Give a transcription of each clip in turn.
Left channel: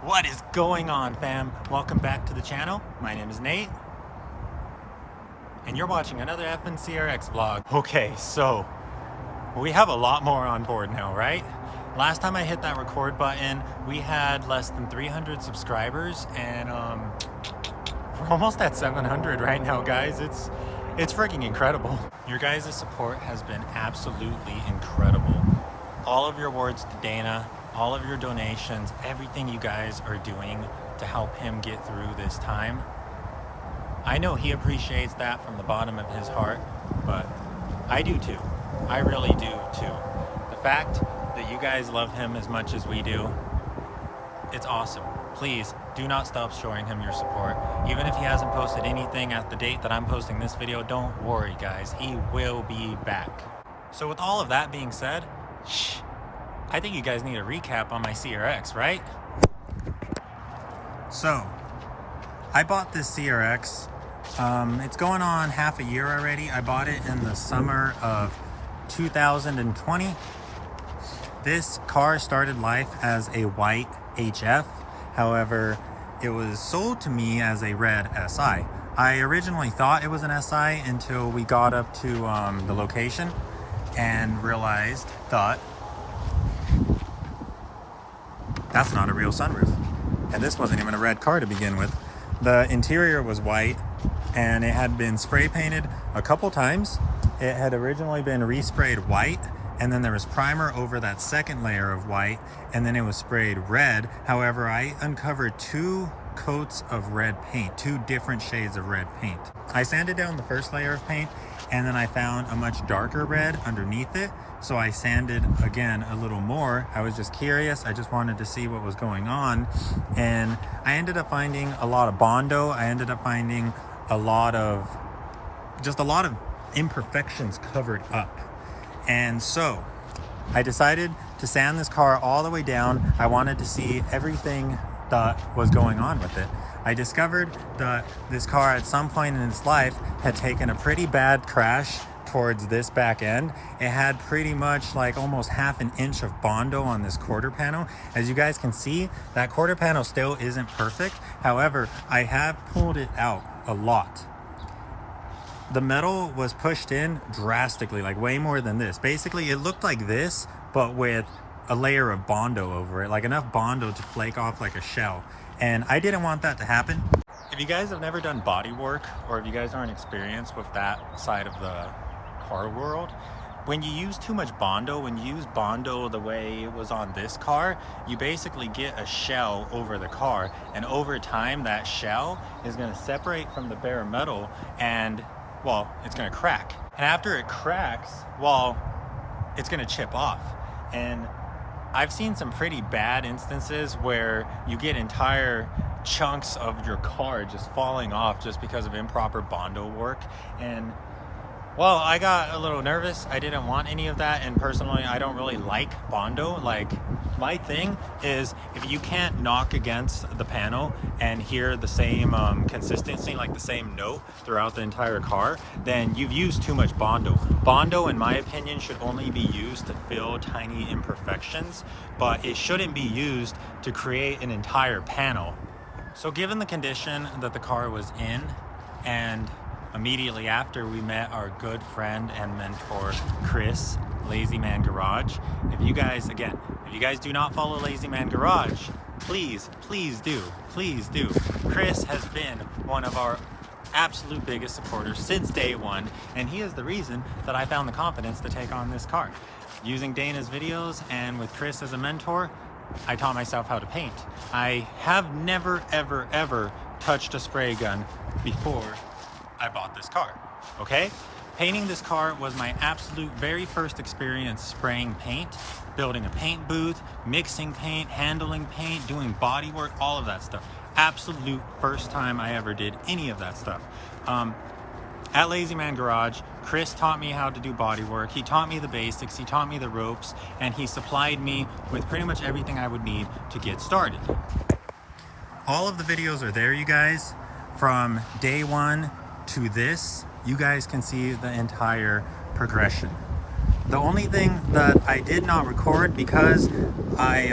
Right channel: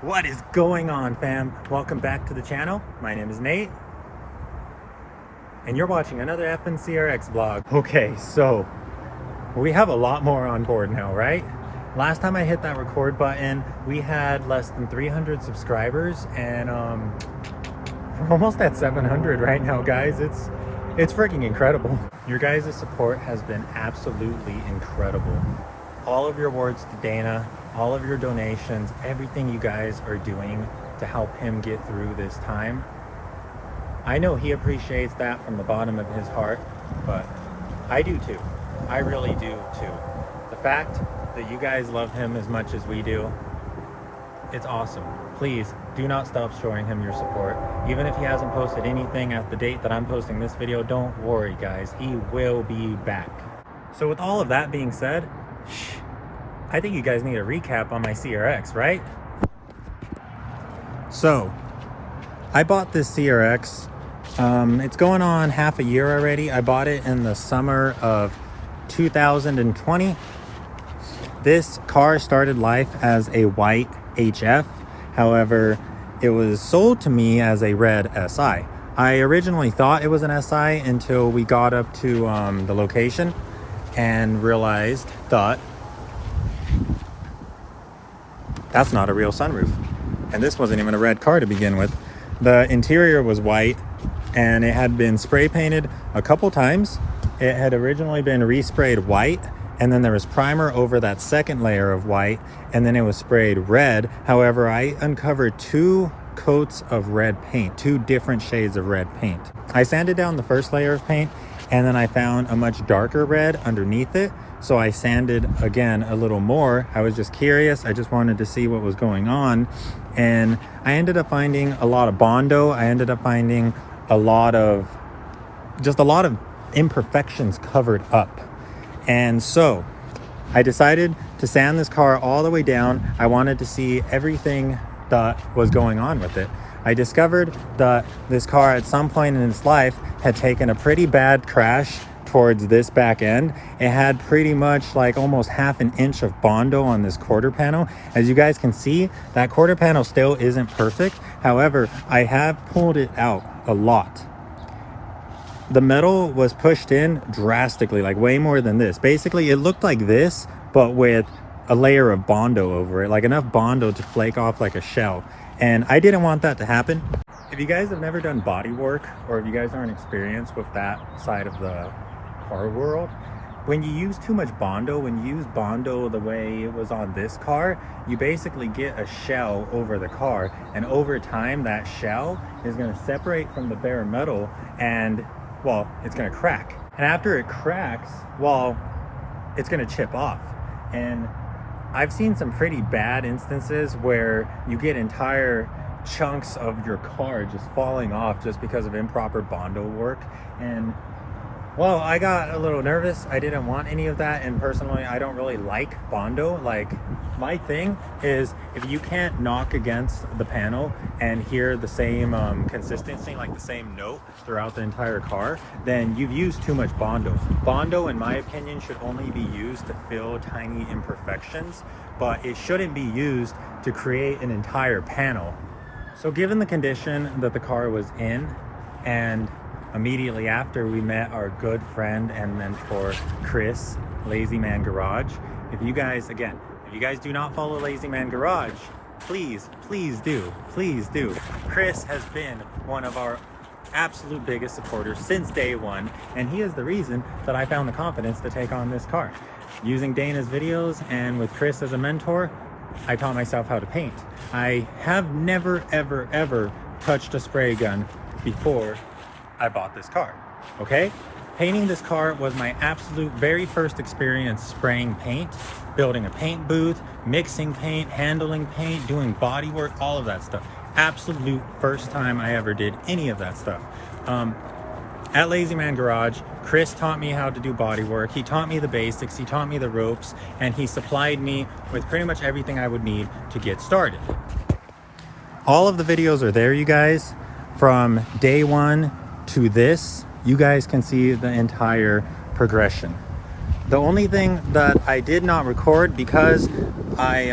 What is going on, fam? Welcome back to the channel. My name is Nate, and you're watching another EF'n CRX vlog. Okay, so we have a lot more on board now, right? Last time I hit that record button, we had less than 300 subscribers, and we're almost at 700 right now, guys. It's freaking incredible. Your guys' support has been absolutely incredible. All of your words to Dana, all of your donations, everything you guys are doing to help him get through this time. I know he appreciates that from the bottom of his heart, but I do too. I really do too. The fact that you guys love him as much as we do, it's awesome. Please do not stop showing him your support. Even if he hasn't posted anything at the date that I'm posting this video, don't worry guys, he will be back. So with all of that being said, I think you guys need a recap on my CRX, right? So, I bought this CRX. It's going on half a year already. I bought it in the summer of 2020. This car started life as a white HF. However, it was sold to me as a red SI. I originally thought it was an SI until we got up to the location and thought, that's not a real sunroof. And this wasn't even a red car to begin with. The interior was white and it had been spray painted a couple times. It had originally been resprayed white, and then there was primer over that second layer of white, and then it was sprayed red. However, I uncovered two coats of red paint, two different shades of red paint. I sanded down the first layer of paint, and then I found a much darker red underneath it. So I sanded again a little more. I was just curious. I just wanted to see what was going on. And I ended up finding a lot of Bondo. I ended up finding a lot of imperfections covered up. And so I decided to sand this car all the way down. I wanted to see everything that was going on with it. I discovered that this car at some point in its life had taken a pretty bad crash towards this back end. It had pretty much like almost half an inch of Bondo on this quarter panel. As you guys can see, that quarter panel still isn't perfect. However, I have pulled it out a lot. The metal was pushed in drastically, like way more than this. Basically, it looked like this, but with a layer of Bondo over it, like enough Bondo to flake off like a shell. And I didn't want that to happen. If you guys have never done body work, or if you guys aren't experienced with that side of the car world, when you use too much Bondo, when you use Bondo the way it was on this car, you basically get a shell over the car, and over time that shell is going to separate from the bare metal, and well, it's going to crack. And after it cracks, well, it's going to chip off. And I've seen some pretty bad instances where you get entire chunks of your car just falling off just because of improper Bondo work. And well, I got a little nervous. I didn't want any of that, and personally, I don't really like Bondo. Like, my thing is, if you can't knock against the panel and hear the same consistency, like the same note throughout the entire car, then you've used too much Bondo. Bondo, in my opinion, should only be used to fill tiny imperfections, but it shouldn't be used to create an entire panel. So given the condition that the car was in, and immediately after, we met our good friend and mentor Chris, Lazy Man Garage. If you guys do not follow Lazy Man Garage, please do. Chris has been one of our absolute biggest supporters since day one, and he is the reason that I found the confidence to take on this car. Using Dana's videos and with Chris as a mentor, I taught myself how to paint. I have never ever touched a spray gun before I bought this car, okay? Painting this car was my absolute very first experience spraying paint, building a paint booth, mixing paint, handling paint, doing body work, all of that stuff. Absolute first time I ever did any of that stuff. At Lazy Man Garage, Chris taught me how to do body work. He taught me the basics, he taught me the ropes, and he supplied me with pretty much everything I would need to get started. All of the videos are there, you guys, from day one to this. You guys can see the entire progression. The only thing that I did not record, because I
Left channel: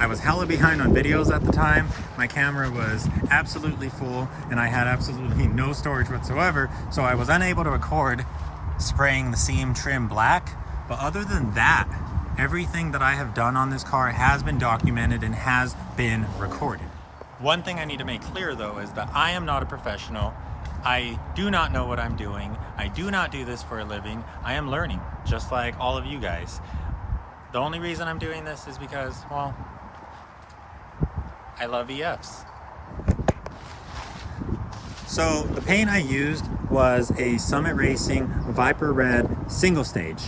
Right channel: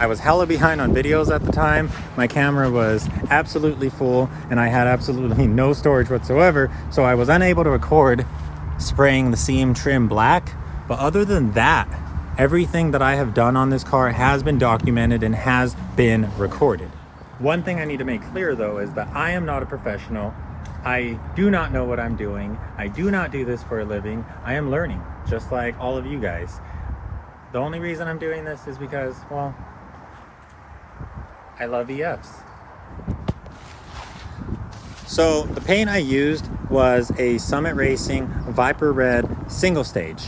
I was hella behind on videos at the time. My camera was absolutely full and I had absolutely no storage whatsoever. So I was unable to record spraying the seam trim black. But other than that, everything that I have done on this car has been documented and has been recorded. One thing I need to make clear though is that I am not a professional. I do not know what I'm doing. I do not do this for a living. I am learning, just like all of you guys. The only reason I'm doing this is because, well, I love EFs. So the paint I used was a Summit Racing Viper Red single stage.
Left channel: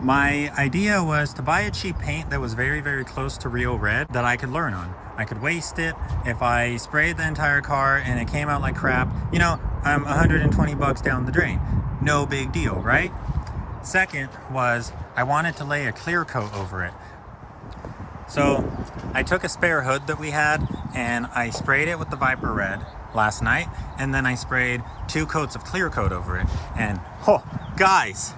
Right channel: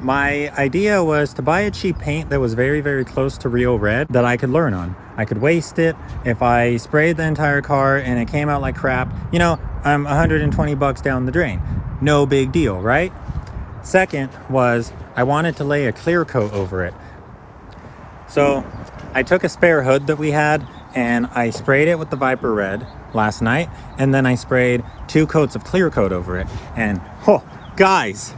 My idea was to buy a cheap paint that was very, very close to real red that I could learn on. I could waste it. If I sprayed the entire car and it came out like crap, you know, I'm 120 bucks down the drain. No big deal, right? Second was I wanted to lay a clear coat over it. So I took a spare hood that we had and I sprayed it with the Viper Red last night. And then I sprayed 2 coats of clear coat over it. And, oh, guys,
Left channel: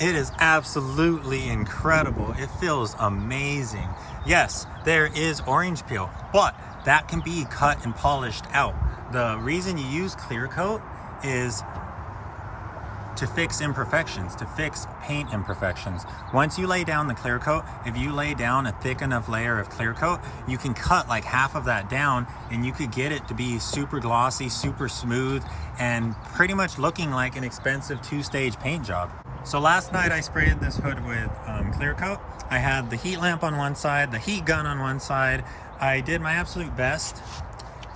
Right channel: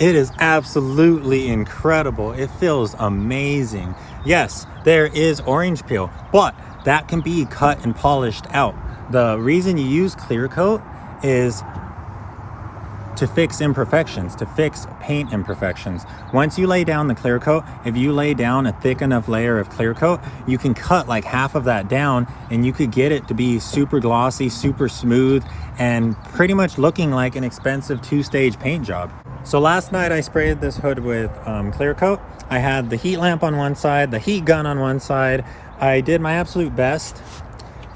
it is absolutely incredible. It feels amazing. Yes, there is orange peel, but that can be cut and polished out. The reason you use clear coat is to fix imperfections, to fix paint imperfections. Once you lay down the clear coat, if you lay down a thick enough layer of clear coat, you can cut like half of that down and you could get it to be super glossy, super smooth, and pretty much looking like an expensive 2-stage paint job. So last night I sprayed this hood with clear coat. I had the heat lamp on one side, the heat gun on one side. I did my absolute best.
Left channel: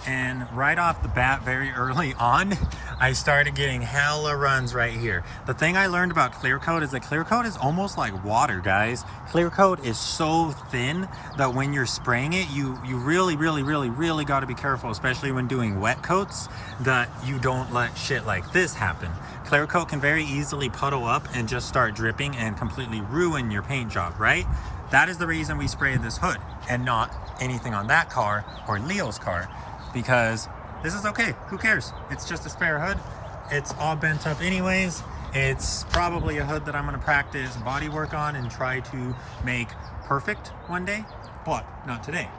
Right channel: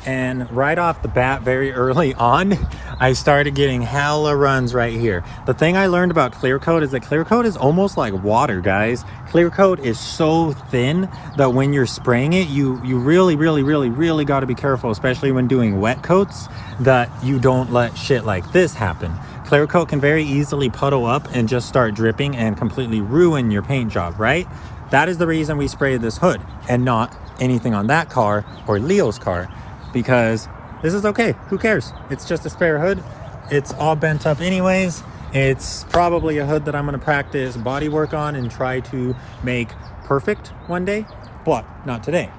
And right off the bat, very early on, I started getting hella runs right here. The thing I learned about clear coat is that clear coat is almost like water, guys. Clear coat is so thin that when you're spraying it, you really got to be careful, especially when doing wet coats, that you don't let shit like this happen. Clear coat can very easily puddle up and just start dripping and completely ruin your paint job, right? That is the reason we sprayed this hood and not anything on that car or Leo's car. Because this is okay, who cares? It's just a spare hood. It's all bent up anyways. It's probably a hood that I'm gonna practice body work on and try to make perfect one day, but not today.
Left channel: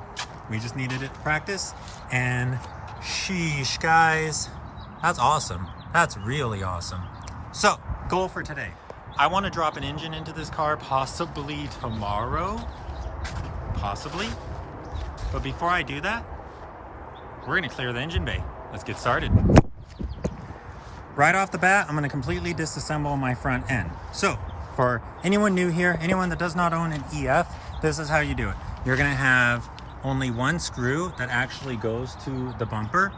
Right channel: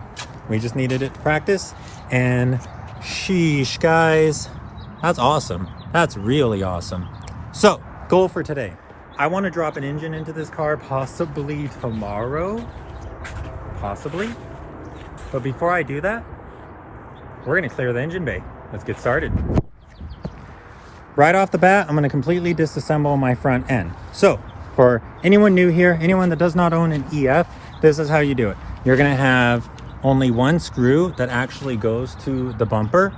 We just needed it to practice, and sheesh, guys, that's awesome. That's really awesome. So, goal for today. I wanna drop an engine into this car possibly tomorrow, possibly. But before I do that, we're gonna clear the engine bay. Let's get started. Right off the bat, I'm gonna completely disassemble my front end. So for anyone new here, anyone that does not own an EF, this is how you do it. You're gonna have only one screw that actually goes to the bumper.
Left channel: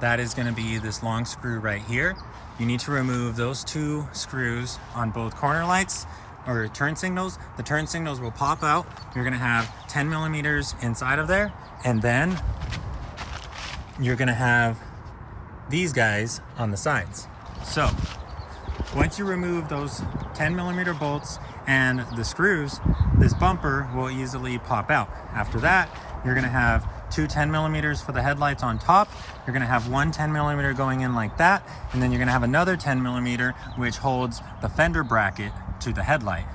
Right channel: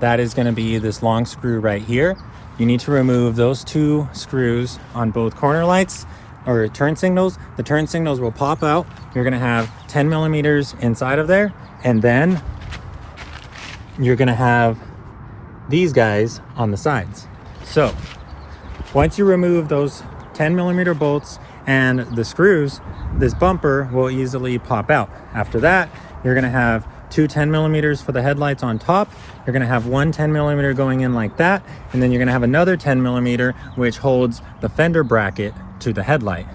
That is gonna be this long screw right here. You need to remove those 2 screws on both corner lights or turn signals. The turn signals will pop out. You're gonna have 10 millimeters inside of there, and then you're gonna have these guys on the sides. So once you remove those 10 millimeter bolts and the screws, this bumper will easily pop out. After that, you're gonna have 2 10 millimeters for the headlights on top. You're gonna have 1 10 millimeter going in like that, and then you're gonna have another 10 millimeter which holds the fender bracket to the headlight.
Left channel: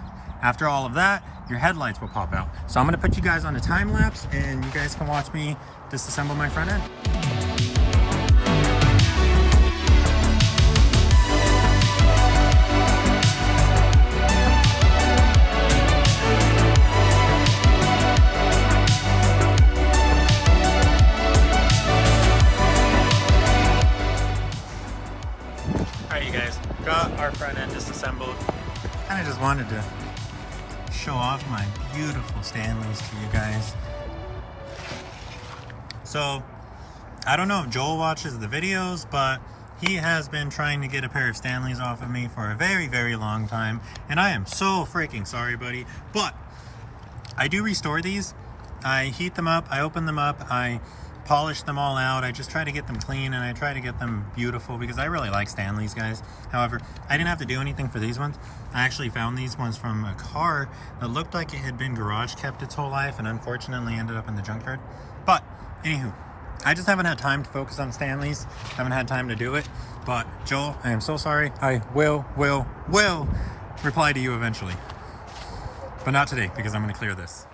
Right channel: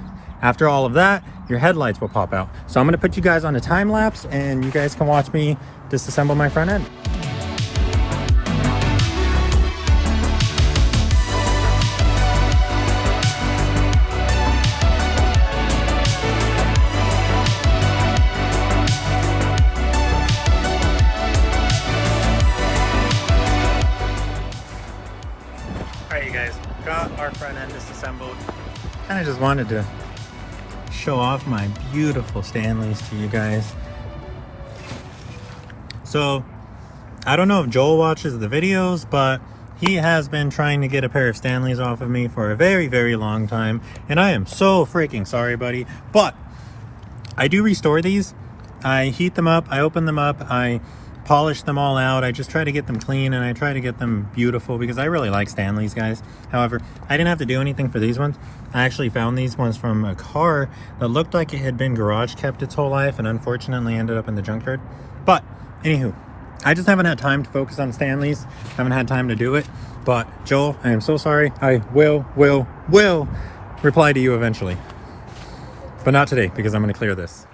After all of that, your headlights will pop out. So I'm gonna put you guys on a time lapse and you guys can watch me disassemble my front end. Got our front end disassembled. Kind of just wanted to show off my beautiful Stanleys to you guys. So I don't know if Joel watches the videos, but he has been trying to get a pair of Stanleys off of me for a very long time, and I am so freaking sorry, buddy. But I do restore these. I heat them up, I open them up, I polish them all out. I just try to get them clean and I try to get them beautiful because I really like Stanleys, guys. However, I didn't have to do anything for these ones. I actually found these ones from a car that looked like it had been garage kept its whole life and unfortunately ended up in the junkyard. But anywho, I just haven't had time to focus on Stanleys. Haven't had time to do it. But Joel, I am so sorry. I will reply to you eventually. But not today because I'm going to clear this.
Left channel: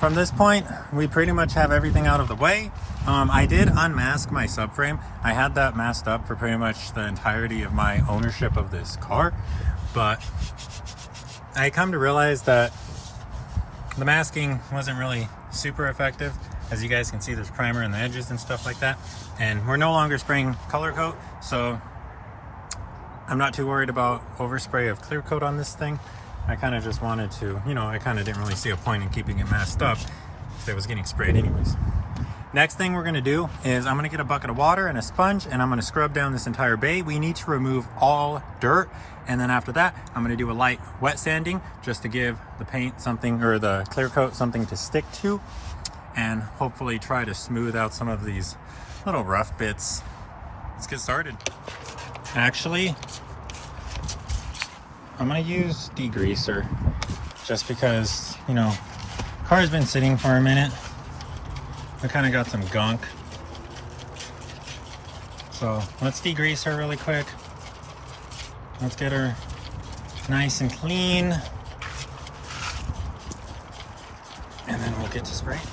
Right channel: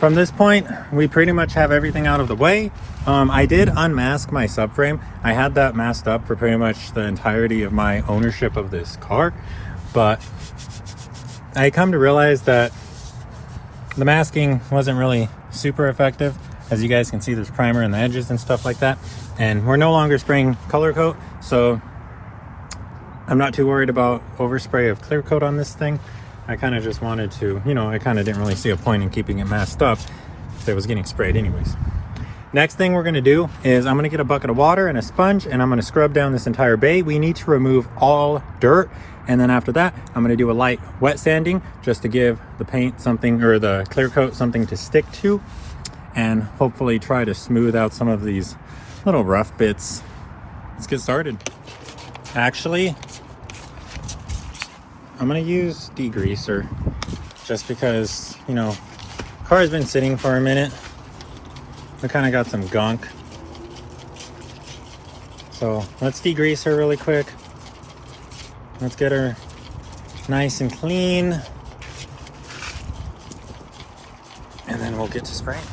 from this point, we pretty much have everything out of the way. I did unmask my subframe. I had that masked up for pretty much the entirety of my ownership of this car, but I come to realize that the masking wasn't really super effective. As you guys can see, there's primer in the edges and stuff like that, and we're no longer spraying color coat, so I'm not too worried about overspray of clear coat on this thing. I kind of just wanted to, you know, I kind of didn't really see a point in keeping it masked up if it was getting sprayed anyways. Next thing we're going to do is I'm going to get a bucket of water and a sponge, and I'm going to scrub down this entire bay. We need to remove all dirt, and then after that I'm going to do a light wet sanding just to give the paint something, or the clear coat something to stick to, and hopefully try to smooth out some of these little rough bits. Let's get started. Actually, I'm gonna use degreaser just because, you know, car's been sitting for a minute. We kind of got some gunk. So let's degrease her really quick. Let's get her nice and clean. And then we'll get to spraying.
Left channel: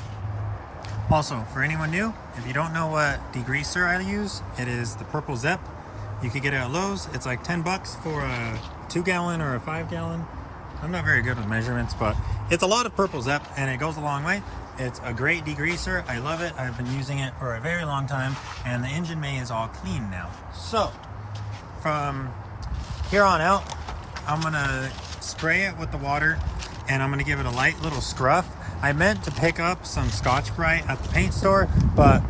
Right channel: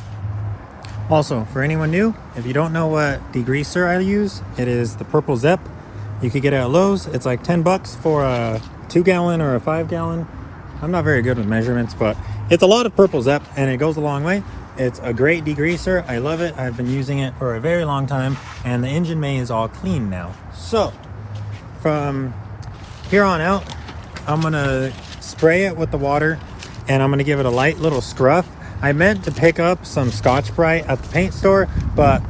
Also, for anyone new, if you don't know what degreaser I use, it is the purple Zep. You could get it at Lowe's. It's like 10 bucks for a 2-gallon or a 5-gallon. I'm not very good with measurements, but it's a lot of purple Zep and it goes a long way. It's a great degreaser. I love it. I've been using it for a very long time, and the engine bay is all clean now. So from here on out, I'm gonna spray it with the water, and I'm gonna give it a light little scruff. I meant to pick up some Scotch-Brite at the paint store, but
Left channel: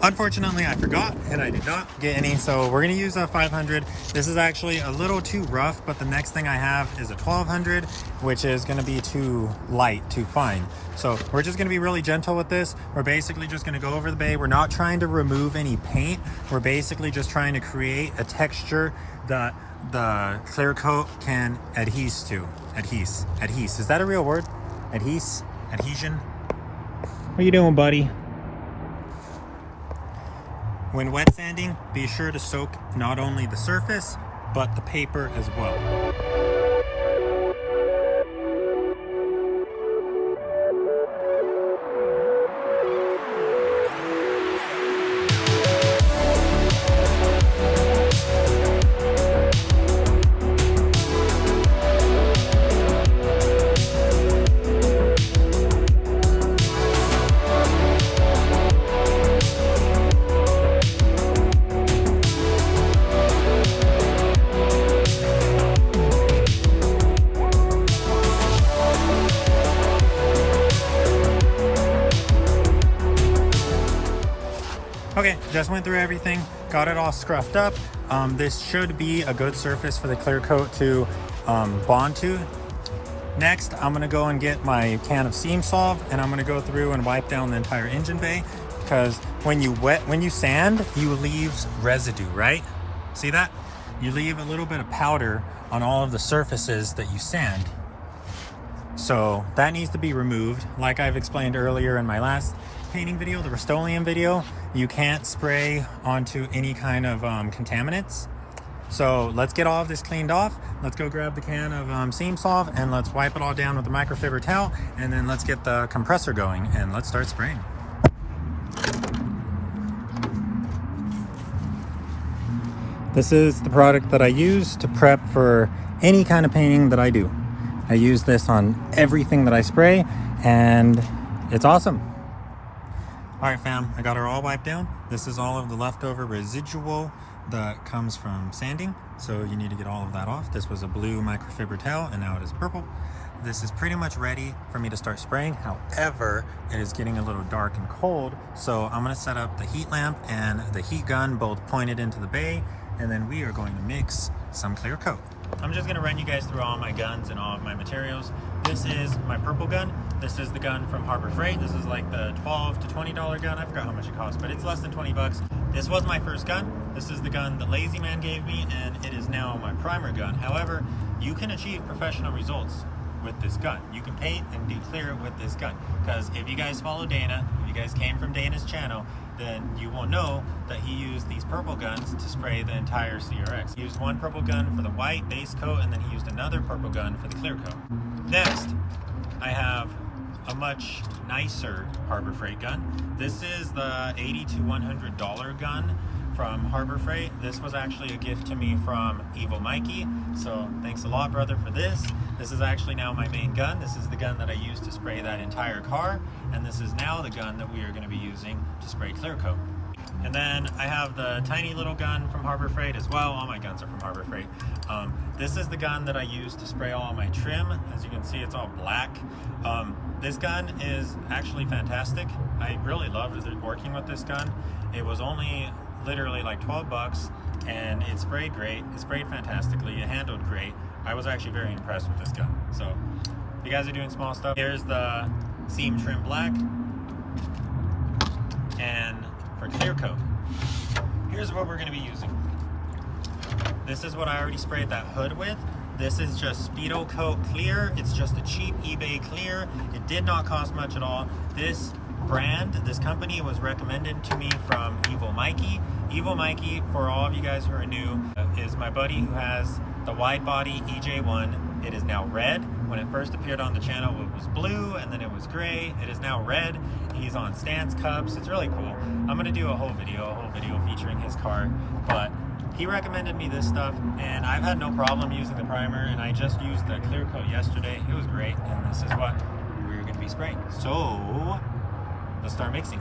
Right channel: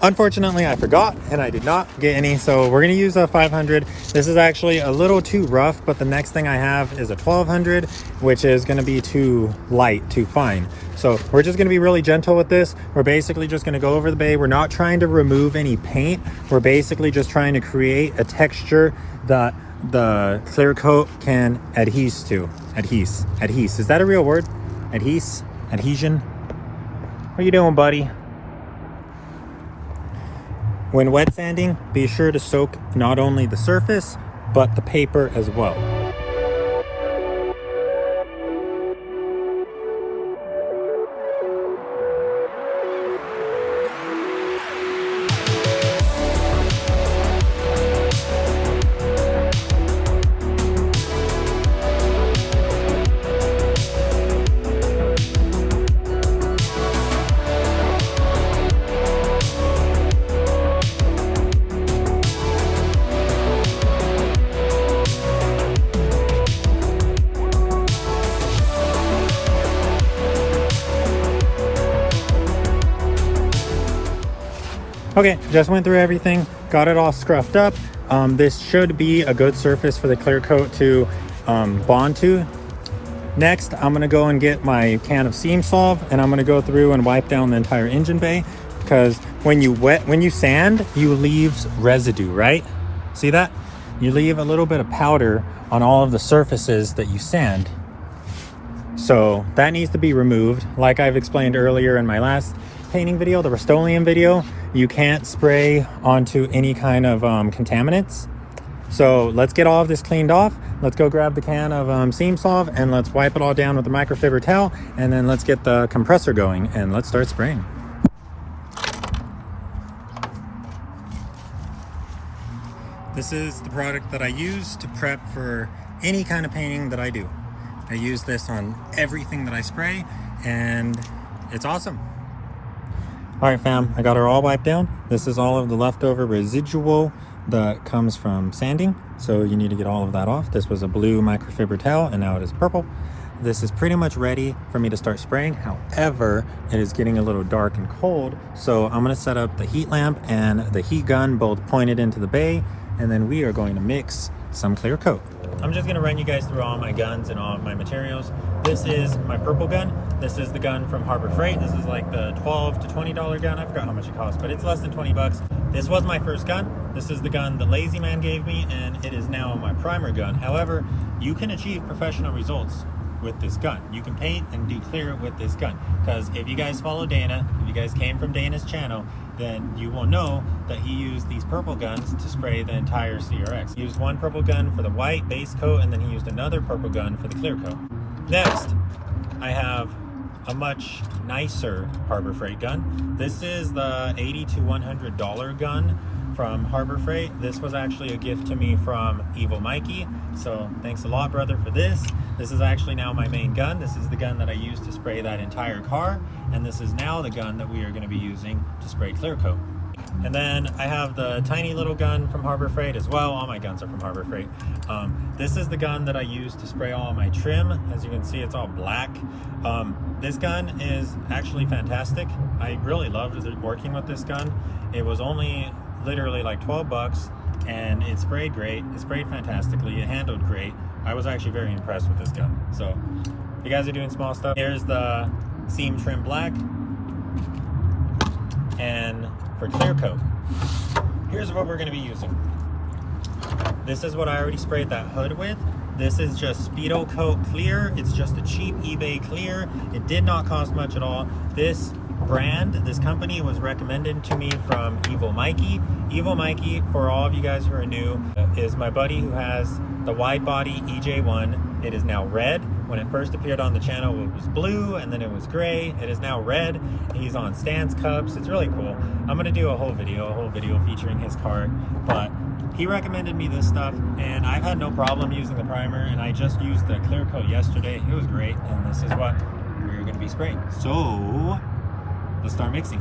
unfortunately I forgot and I did not get any, so we're gonna use a 500. This is actually a little too rough, but the next thing I have is a 1200, which is gonna be too light, too fine. So we're just gonna be really gentle with this. We're basically just gonna go over the bay. We're not trying to remove any paint. We're basically just trying to create a texture that the clear coat can adhese to. Adhese. Is that a real word? Adhesion? What are you doing, buddy? When wet sanding, be sure to soak not only the surface, but the paper as well. Okay, just went through everything, got it all scruffed up. This should be a good surface for the clear coat to bond to. Next, I'm gonna go and get my can of Seam Solve, and I'm gonna go through and wipe down the entire engine bay, because when you sand, you leave residue, right? See that? You leave a little bit of powder on all of the surfaces that you sand. So that needs to be removed. Like I've explained earlier in my last painting video, the Rust-Oleum video, you can't spray onto any kind of contaminants. So let's get all of this cleaned off. Let's go grab the can of Seam Solve and let's wipe it all down with the microfiber towel, and then let's get the compressor going and let's start spraying. This is the product that I use to prep for any kind of painting that I do. I use this on everything that I spray, and it's awesome. All right, fam, I got her all wiped down. This is all of the leftover residual that comes from sanding, so you need to get all of that off. This was a blue microfiber towel, and now it is purple. This is pretty much ready for me to start spraying. However, it is getting a little dark and cold, so I'm gonna set up the heat lamp and the heat gun both pointed into the bay, and then we are going to mix some clear coat. I'm just gonna run you guys through all my guns and all of my materials. This is my purple gun. This is the gun from Harbor Freight. This is like the $12 to $20 gun. I forgot how much it cost, but it's less than 20 bucks. This was my first gun. This is the gun that Lazy Man gave me, and it is now my primer gun. However, you can achieve professional results with this gun. You can paint and do clear with this gun, because if you guys follow Dana, if you guys came from Dana's channel, then you will know that he used these purple guns to spray the entire CRX. He used one purple gun for the white base coat, and then he used another purple gun for the clear coat. Next, I have a much nicer Harbor Freight gun. This is the $80 to $100 gun from Harbor Freight. This was actually a gift to me from Evil Mikey, so thanks a lot, brother, for this. This is actually now my main gun. This is the gun that I used to spray that entire car, and this is now the gun that we are going to be using to spray clear coat. And then I have the tiny little gun from Harbor Freight as well. All my guns are from Harbor Freight. This is the gun that I use to spray all my trim. As you can see, it's all black. This gun is actually fantastic. I really loved working with this gun. It was only literally like 12 bucks, and it sprayed great. It sprayed fantastically. It handled great. I was actually very impressed with this gun. So if you guys are doing small stuff, here's the seam trim black. And for clear coat, here's what we're going to be using. This is what I already sprayed that hood with. This is just Speedo Coat Clear. It's just a cheap eBay clear. It did not cost much at all. This brand, this company was recommended to me from Evil Mikey. Evil Mikey, for all of you guys who are new, is my buddy who has the wide body EJ1. It is now red. When it first appeared on the channel, it was blue, and then it was gray. It is now red. He's on stance cups. It's really cool. I'm gonna do a whole video featuring his car, but he recommended me this stuff, and I've had no problem using the primer, and I just used the clear coat yesterday. It was great, and this is what we're gonna be spraying. So let's start mixing.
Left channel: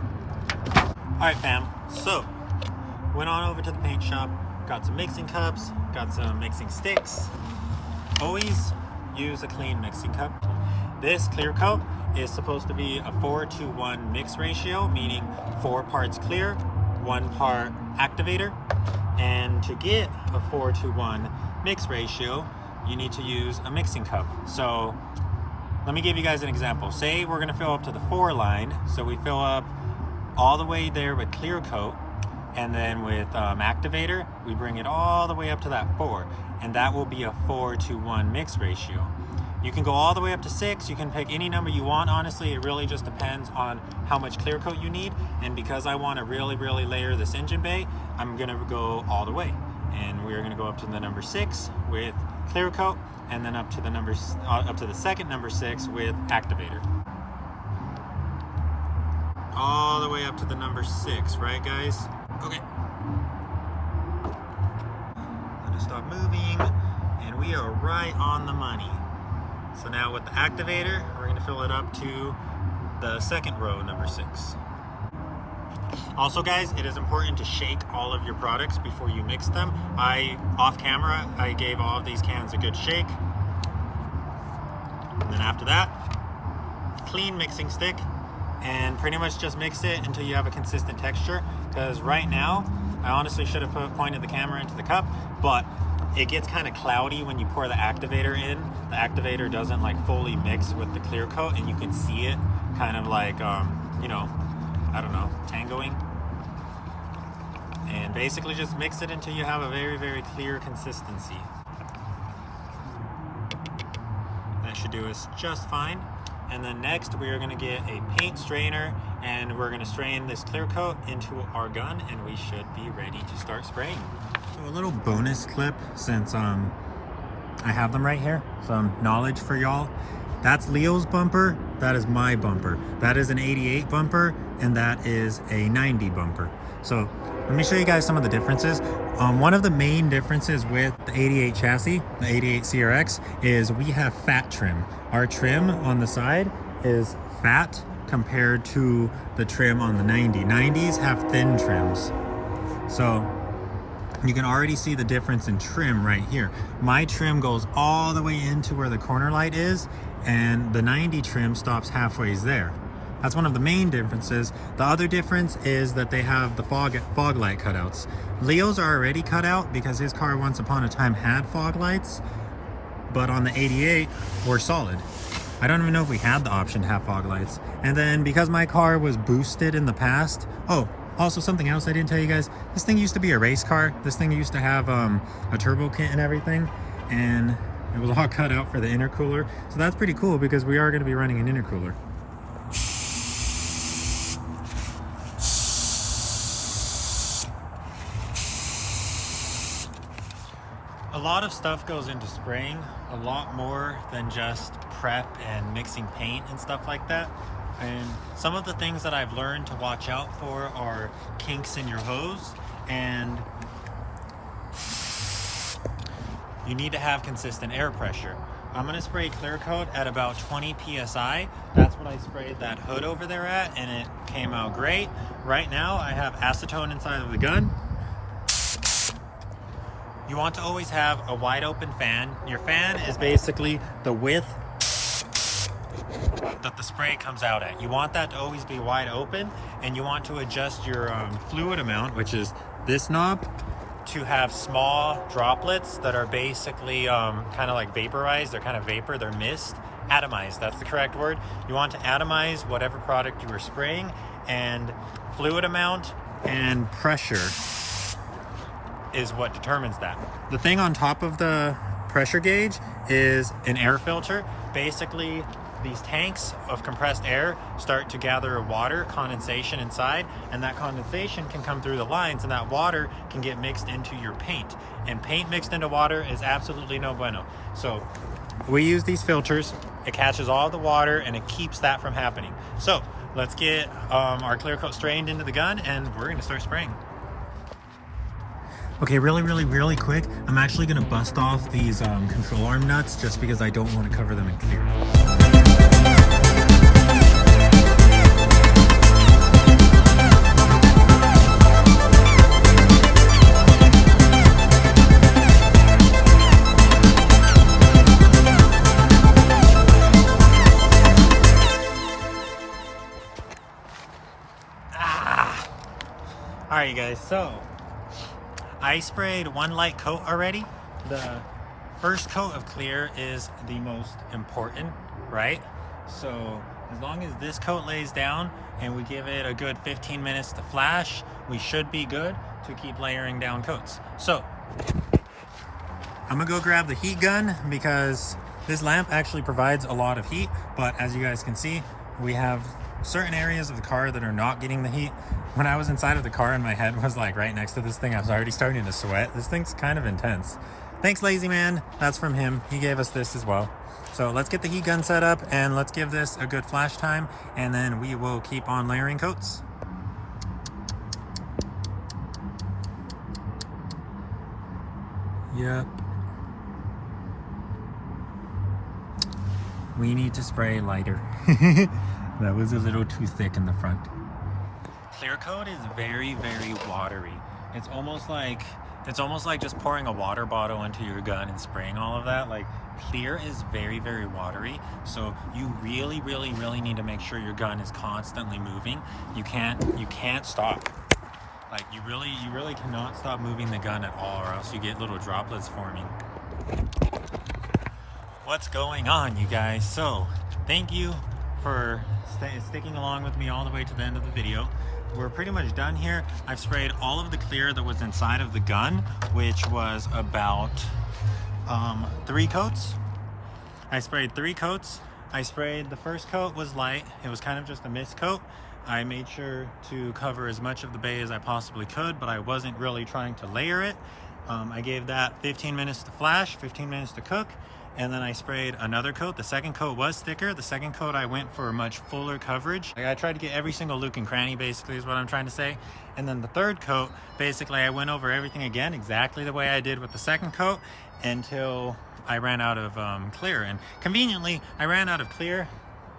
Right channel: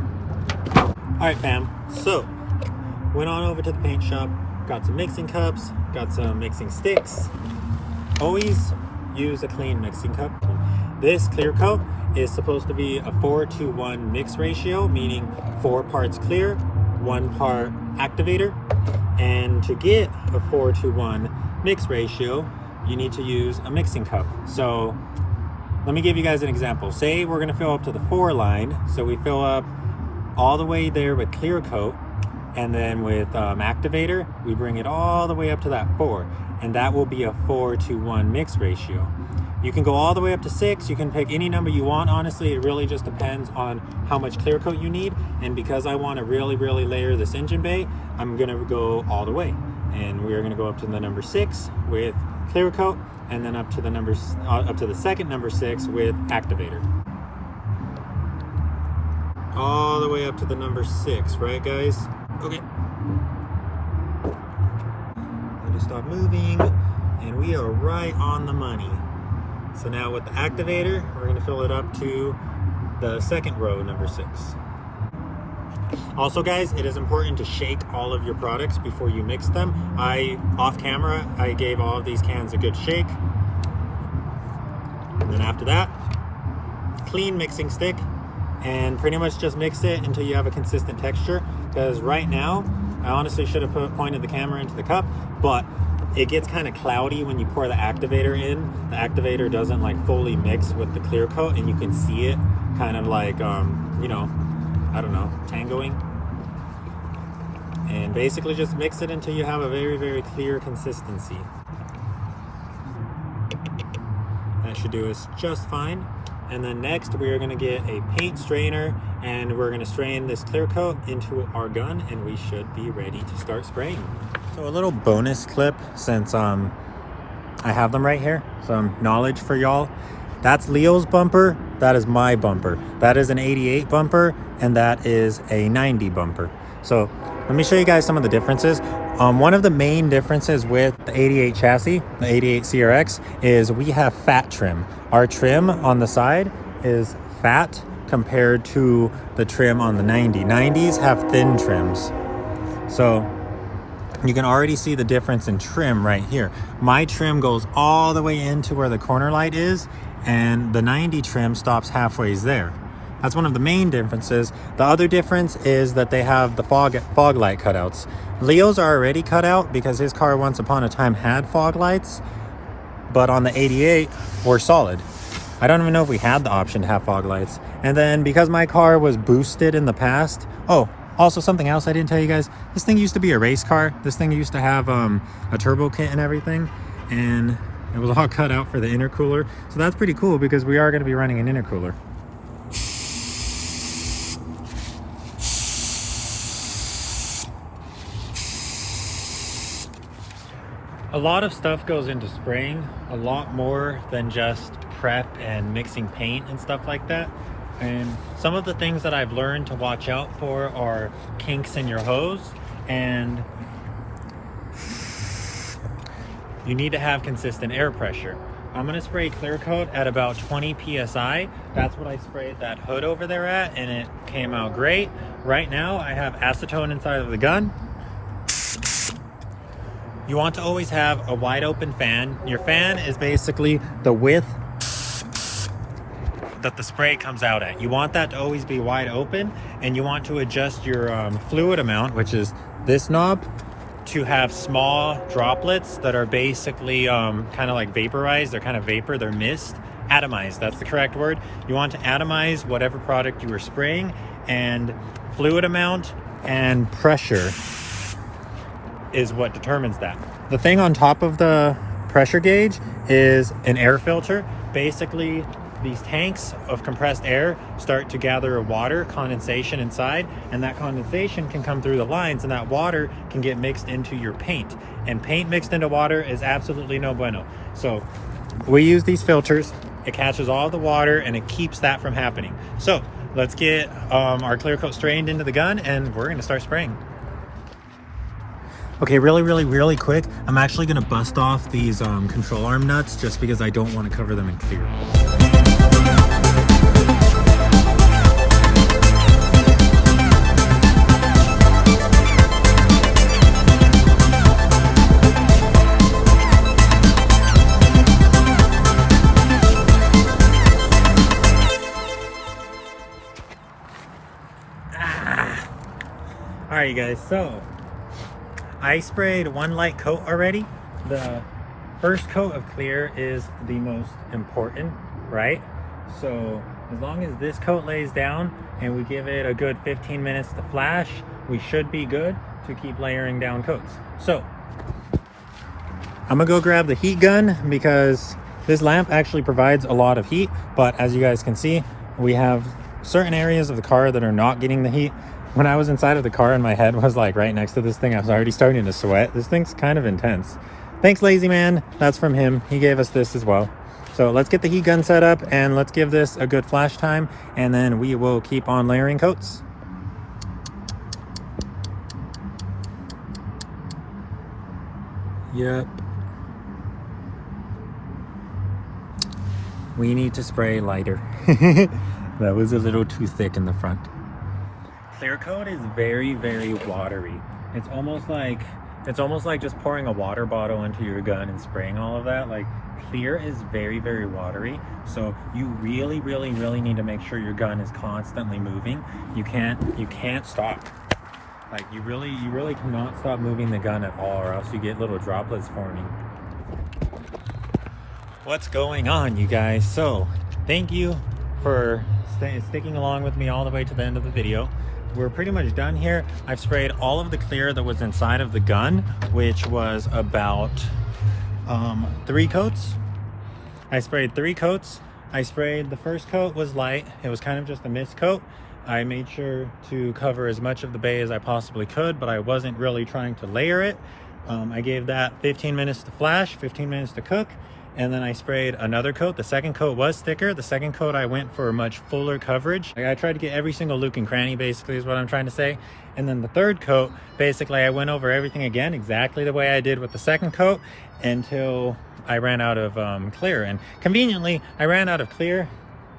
All right, fam. So went on over to the paint shop, got some mixing cups, got some mixing sticks. Always use a clean mixing cup. This clear coat is supposed to be a 4-to-1 mix ratio, meaning 4 parts clear, 1 part activator. And to get a 4-to-1 mix ratio, you need to use a mixing cup. So let me give you guys an example. Say we're gonna fill up to the 4 line. So we fill up all the way there with clear coat, and then with activator, we bring it all the way up to that 4. And that will be a 4-to-1 mix ratio. You can go all the way up to 6. You can pick any number you want. Honestly, it really just depends on how much clear coat you need. And because I want to really layer this engine bay, I'm gonna go all the way. And we are gonna go up to the number 6 with clear coat, and then up to the second number 6 with activator. All the way up to the number 6, right, guys? Okay. Stop moving, and we are right on the money. So now with the activator, we're going to fill it up to the second row, number 6. Also, guys, it is important to shake all of your products before you mix them. Off camera, I gave all of these cans a good shake. And then after that, clean mixing stick, and pretty much just mix it until you have a consistent texture. Because right now, I honestly should have pointed the camera into the cup, but it gets kind of cloudy when you pour the activator in. The activator doesn't like fully mix with the clear coat, and you can see it kind of like, you know, I don't know, tangoing. And basically just mix it until you have a very clear consistency. That should do us just fine. And then next we are going to get a paint strainer, and we're going to strain this clear coat into our gun, and we should be ready to start spraying. So a little bonus clip, since I have them right here, some knowledge for y'all. That's Leo's bumper, that is my bumper. That is an 88 bumper, and that is a 90 bumper. So let me show you guys some of the differences. One of the main differences with the 88 chassis, the 88 CRX, is we have fat trim. Our trim on the side is fat compared to the trim on the 90. 90s have thin trims. So you can already see the difference in trim right here. My trim goes all the way into where the corner light is, and the 90 trim stops halfway there. That's one of the main differences. The other difference is that they have the fog light cutouts. Leo's are already cut out because his car once upon a time had fog lights, but on the 88 were solid. I don't even know if we had the option to have fog lights. And then because my car was boosted in the past, oh, also something else I didn't tell you guys, this thing used to be a race car. This thing used to have a turbo kit and everything, and it was all cut out for the intercooler. So that's pretty cool because we are going to be running an intercooler. A lot of stuff goes into spraying, a lot more than just prep and mixing paint and stuff like that. And some of the things that I've learned to watch out for are kinks in your hose, and you need to have consistent air pressure. I'm gonna spray clear coat at about 20 PSI. That's what I sprayed that hood over there at, and it came out great. Right now, I have acetone inside of the gun. You want to always have a wide open fan. Your fan is basically the width that the spray comes out at. You want that to always be wide open, and you want to adjust your fluid amount, which is this knob, to have small droplets that are basically kind of like vaporized. They're kind of vapor, they're mist. Atomized, that's the correct word. You want to atomize whatever product you are spraying, and fluid amount and pressure is what determines that. The thing on top of the pressure gauge is an air filter. Basically, these tanks of compressed air start to gather water, condensation inside, and that condensation can come through the lines, and that water can get mixed into your paint. And paint mixed into water is absolutely no bueno. So we use these filters. It catches all the water and it keeps that from happening. So let's get our clear coat strained into the gun, and we're gonna start spraying. Okay, really quick, I'm actually gonna bust off these control arm nuts just because I don't want to cover them in clear. All right, you guys, so I sprayed one light coat already. The first coat of clear is the most important, right? So as long as this coat lays down and we give it a good 15 minutes to flash, we should be good to keep layering down coats. So I'm gonna go grab the heat gun because this lamp actually provides a lot of heat, but as you guys can see, we have certain areas of the car that are not getting the heat. When I was inside of the car and my head was like right next to this thing, I was already starting to sweat. This thing's kind of intense. Thanks, Lazy Man. That's from him. He gave us this as well. So let's get the heat gun set up and let's give this a good flash time, and then we will keep on layering coats. Yep. We need to spray lighter. That was a little too thick in the front. Clear coat is very watery. It's almost like just pouring a water bottle into your gun and spraying all of that. Like, clear is very watery, so you really need to make sure your gun is constantly moving. You can't stop. Like, you really cannot stop moving the gun at all, or else you get little droplets forming. What's going on, you guys? So thank you for sticking along with me all the way to the end of the video. We're pretty much done here. I've sprayed all of the clear that was inside of the gun, which was about 3 coats. I sprayed 3 coats. I sprayed, the first coat was light. It was kind of just a mist coat. I made sure to cover as much of the bay as I possibly could, but I wasn't really trying to layer it. I gave that 15 minutes to flash, 15 minutes to cook, and then I sprayed another coat. The second coat was thicker. The second coat I went for much fuller coverage. I tried to get every single nook and cranny, basically, is what I'm trying to say. And then the third coat, basically I went over everything again exactly the way I did with the second coat until I ran out of clear. And conveniently, I ran out of clear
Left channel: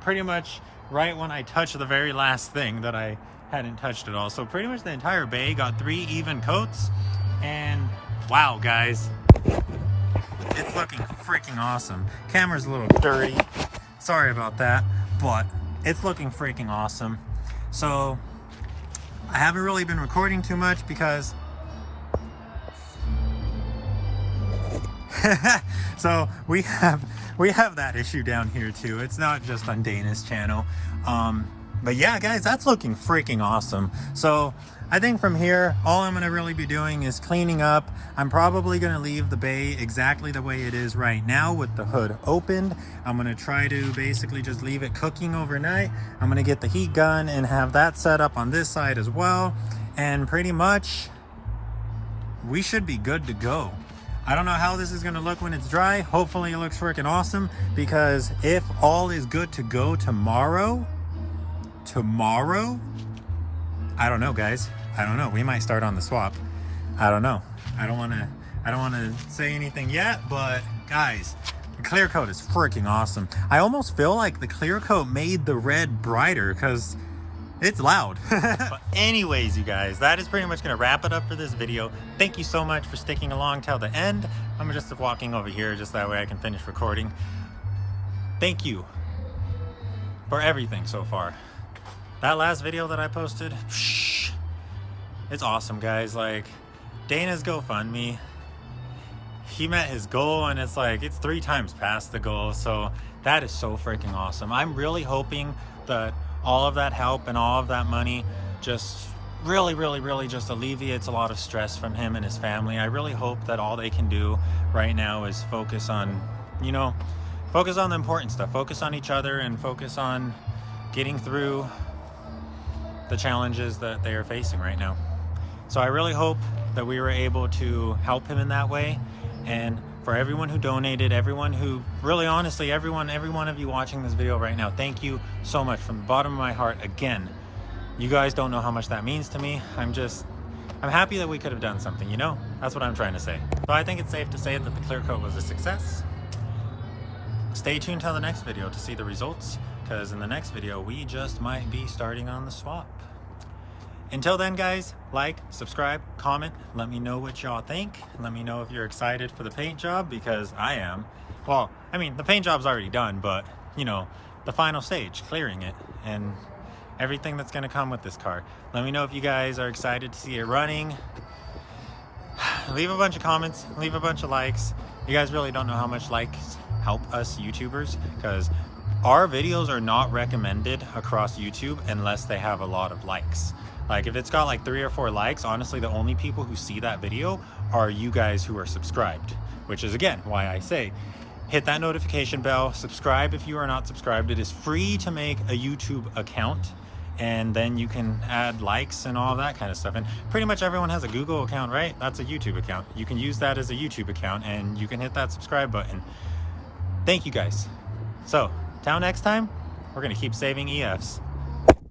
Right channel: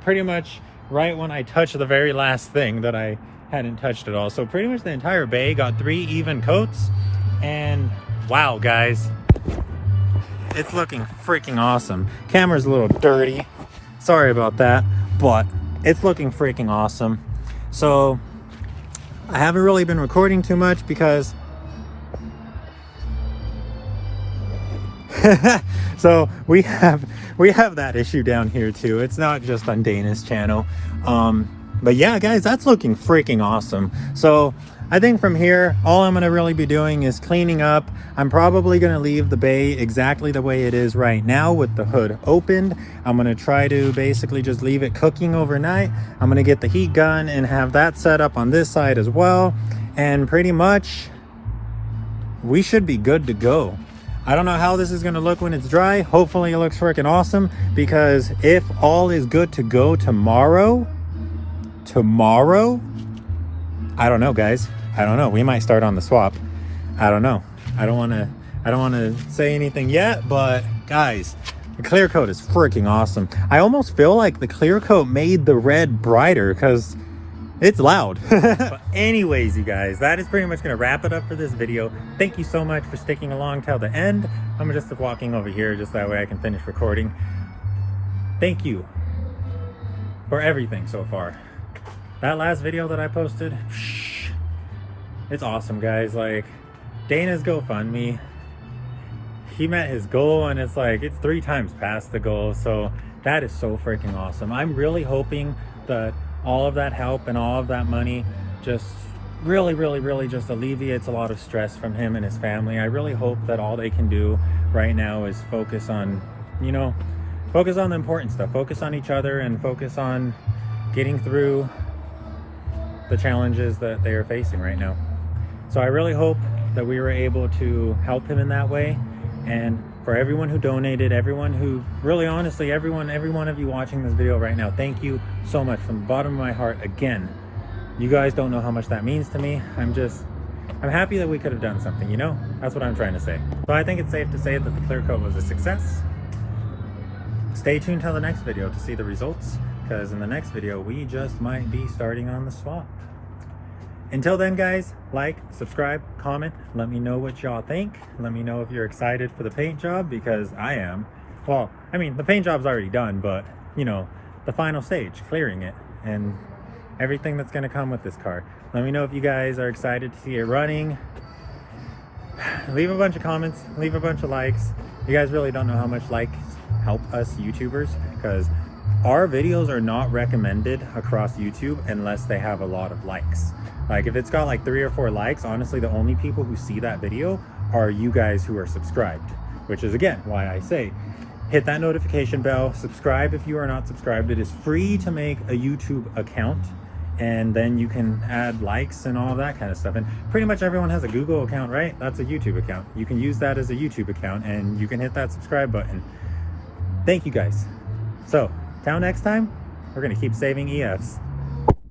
pretty much right when I touched the very last thing that I hadn't touched at all. So pretty much the entire bay got 3 even coats, and wow, guys, it's looking freaking awesome. Camera's a little dirty, sorry about that, but it's looking freaking awesome. So I haven't really been recording too much because so we have that issue down here too. It's not just on Dana's channel. But yeah, guys, that's looking freaking awesome. So I think from here, all I'm gonna really be doing is cleaning up. I'm probably gonna leave the bay exactly the way it is right now with the hood opened. I'm gonna try to basically just leave it cooking overnight. I'm gonna get the heat gun and have that set up on this side as well. And pretty much we should be good to go. I don't know how this is gonna look when it's dry. Hopefully it looks freaking awesome, because if all is good to go tomorrow, I don't know, guys. I don't know. We might start on the swap. I don't know. I don't wanna say anything yet, but guys, the clear coat is freaking awesome. I almost feel like the clear coat made the red brighter because it's loud. But anyways, you guys, that is pretty much gonna wrap it up for this video. Thank you so much for sticking along till the end. I'm just walking over here just that way I can finish recording. Thank you for everything so far. That last video that I posted, it's awesome, guys. Like, Dana's GoFundMe, he met his goal, and it's like, it's 3 times past the goal. So that is so freaking awesome. I'm really hoping that all of that help and all of that money just really just alleviates a lot of stress from him and his family. I really hope that all they can do right now is focus on, you know, focus on the important stuff, focus on each other, and focus on getting through the challenges that they are facing right now. So I really hope that we were able to help him in that way. And for everyone who donated, everyone who, really honestly, every one of you watching this video right now, thank you so much from the bottom of my heart. Again, you guys don't know how much that means to me. I'm happy that we could have done something, you know? That's what I'm trying to say. But I think it's safe to say that the clear coat was a success. Stay tuned till the next video to see the results, because in the next video, we just might be starting on the swap. Until then, guys, like, subscribe, comment, let me know what y'all think. Let me know if you're excited for the paint job, because I am. Well, I mean, the paint job's already done, but, you know, the final stage, clearing it, and everything that's gonna come with this car. Let me know if you guys are excited to see it running. Leave a bunch of comments, leave a bunch of likes. You guys really don't know how much likes help us YouTubers, because our videos are not recommended across YouTube unless they have a lot of likes. Like, if it's got like 3 or 4 likes, honestly, the only people who see that video are you guys who are subscribed, which is, again, why I say hit that notification bell, subscribe if you are not subscribed. It is free to make a YouTube account, and then you can add likes and all that kind of stuff. And pretty much everyone has a Google account, right? That's a YouTube account. You can use that as a YouTube account, and you can hit that subscribe button. Thank you, guys. So till next time, we're gonna keep saving EFs.